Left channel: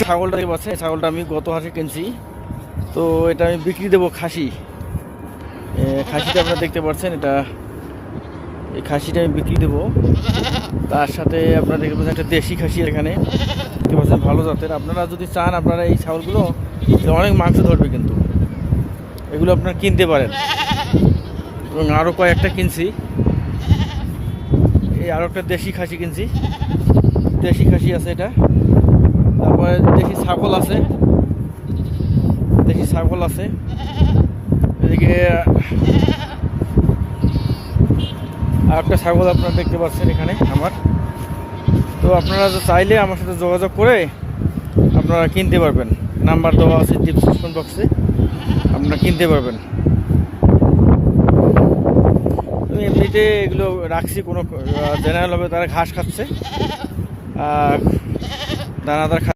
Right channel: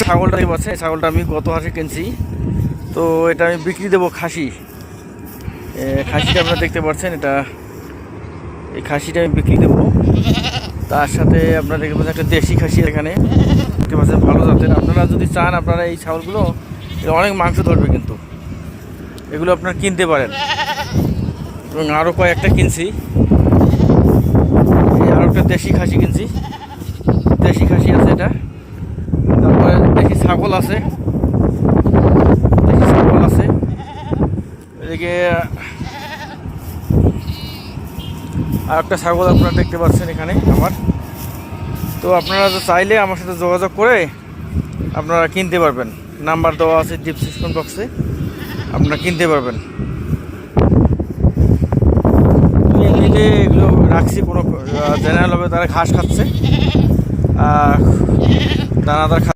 ছাগলটা এই ছাগলটা আমি গত হাসে কিনছি। তো এটা আমি বিক্রি দেবো খাসি। খাসিটা আপনারা দেখতে পাচ্ছেন, এটা এই খাসিটা আমি বিক্রি দেবো। তার সাথে আপনারা দেখতে পাচ্ছেন একটা দেশি খাসি এখানে। দেখতে পাচ্ছেন ভালো জাতের। আপনারা যদি চান আপনারা এই ছাগলগুলো অনেক মাংস ধরবে কিন্তু। এগুলো আপনারা কিনতে পারেন। এবং আরও কয়েকটা কিনছি। এই আরও একটা দেশি খাসি কিনছি। দেশি খাসি আছে এটা। ছাগল আছে। দেশি ছাগল আছে। এদিকে আর একটা ছাগল আপনারা দেখতে পাচ্ছেন এখানে আমার। তো আপনারা চাইলে আমার সাথে যোগাযোগ করে আপনারা কিনতে পারবেন। নাম্বার দেওয়া আছে ডিসক্রিপশন বক্সে আপনারা কিনতে পারবেন। এমনিতে এগুলো রাখছি, কোনো জেনারেল হবে, তারা ঘাস খাচ্ছে। দানাদার খাচ্ছে।